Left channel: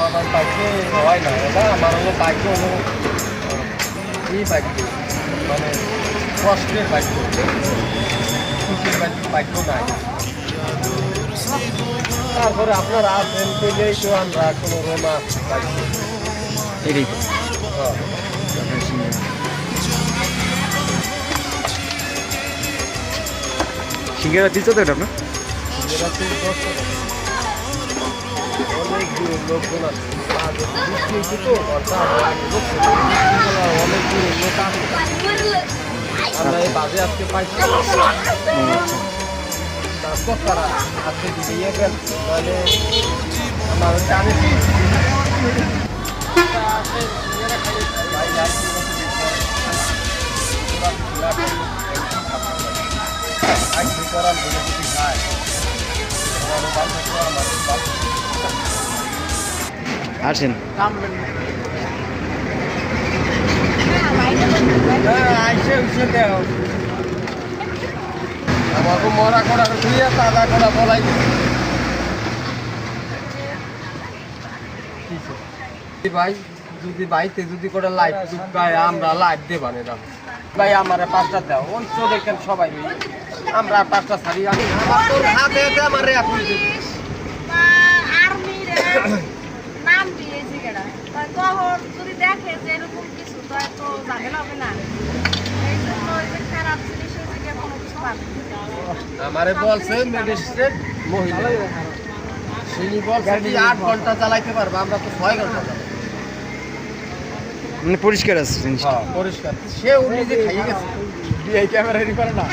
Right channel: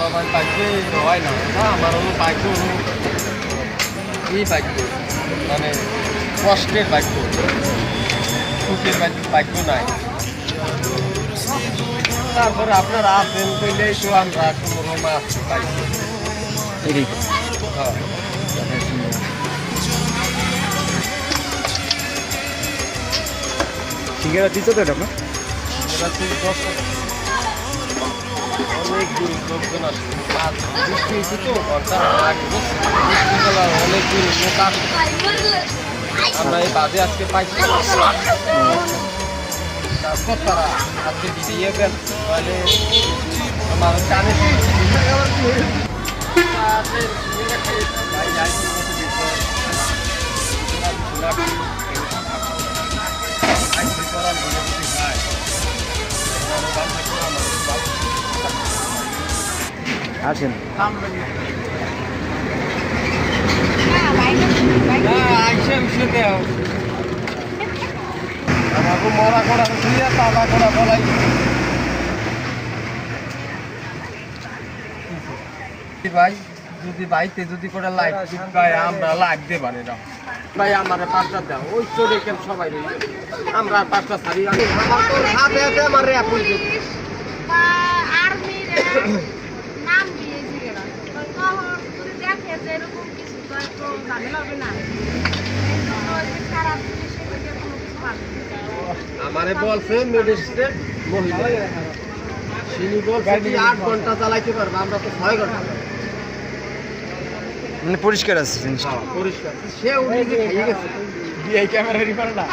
সবার বাক্য হয় না, এটা আমার হলো বাক্য এই বাক্য মানে কষ্টের বাক্য, সুখের বাক্য নাই। তারপরে আপনারা আসেন পেলেই তো আমরা কোনো রোমান্স বাক্য এটাই হ্যাঁ। সিঙ্গারা দিচ্ছে তো এটা আপনার? এরা তো অনেক দূর লোকজন আছে, বৃষ্টি হচ্ছে তো বৃষ্টিবেলা অনেক দূর লোক আছে। আমরা এই বাজে আজকে পাইছি তারা আজকে দিয়ে গেল মানে আমার কানে আসেন। আমাকে মরা করা দিয়ে তাজা করা বলাই ভাই, যদি বাইতে যদি করে লাইট ভাই আমরা লাইট দেবা না ভাই, আমার 5টা দাও ওই চলে কেন সবাই আমরা 5টা ছাড়ি আমি আমার আমারে বলছে মেডিসিন মহিলা তিনি বলছে 8 ঘন্টা চালাইতে পারবে, আমরা তো 6 ঘন্টা। মানে পরিষ্কার আছে জিনিসটা, পরিষ্কার সে নিজে খাইয়ে গেছে এই ক্যামেরা রেডি করে না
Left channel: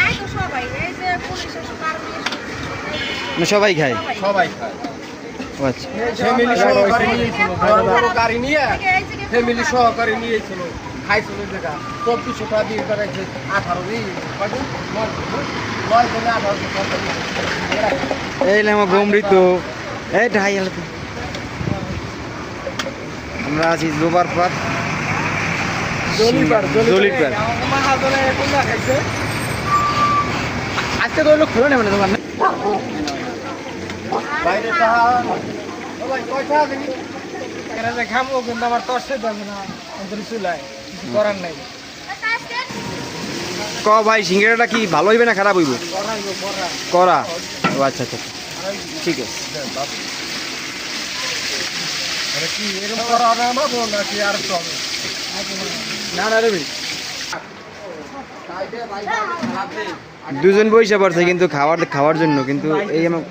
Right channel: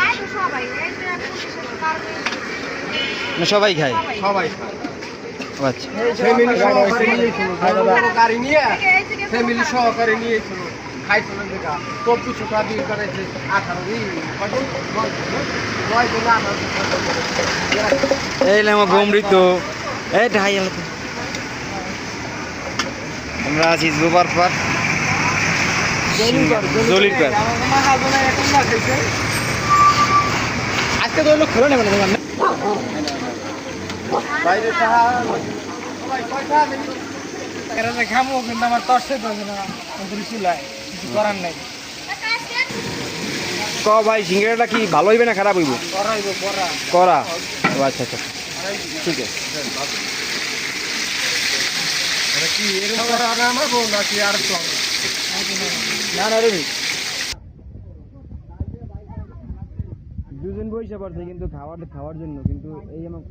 সবাই খায়, সবাই খায়। আচ্ছা ফ্যামিলি সহকারে নিয়েছিল, বড় বড় গাড়ি নিয়ে ফ্যামিলি সহকারে নিয়েছিল, খাইছিল যেটা 24 টাকা বিল করেছে 18 এই আমার গমৃত এই ঢাই আমরা আছি জোবার পার জলির পার। আজকে তো খোলা নেবে না দোকান বাইরে খাবো, কিন্তু আমার তর্সে দেবে না চুলায়, কিছু করার নাই। ক ভাই সিঙ্গারাটা কি ভালো হইবে না খারাপ হইব? করা। ও আচ্ছা আচ্ছা ঠিক আছে। কি এরকম করা আমরা বল না কি আর চলে না না রবি দুজন বইসা পড়ছে কিন্তু খাওয়ার জন্য, কিন্তু এই আমার